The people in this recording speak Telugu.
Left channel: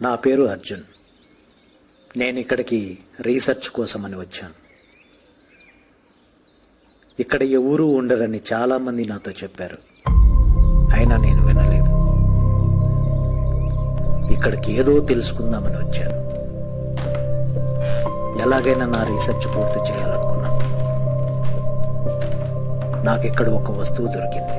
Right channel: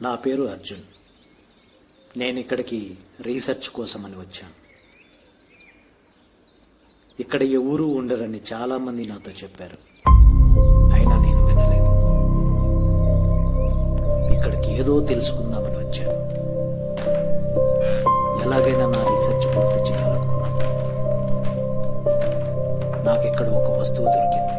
నా పేరు అర్జున్. నేను ఇక్కడికి రీసెర్చ్ కోసమని వచ్చాను. ఇక్కడ ఎవరూ ఉండరని చాలామంది నాతో చెప్పారు, అయినా నేను వినలేదు. ఇక్కడికి ఏదో తెలుసుకుందామని వచ్చాను. ఎలాగైనా నా రీసెర్చ్ పూర్తి చేయాలనుకున్నాను. నాకు ఇక్కడ ఒక వస్తువు దొరికింది.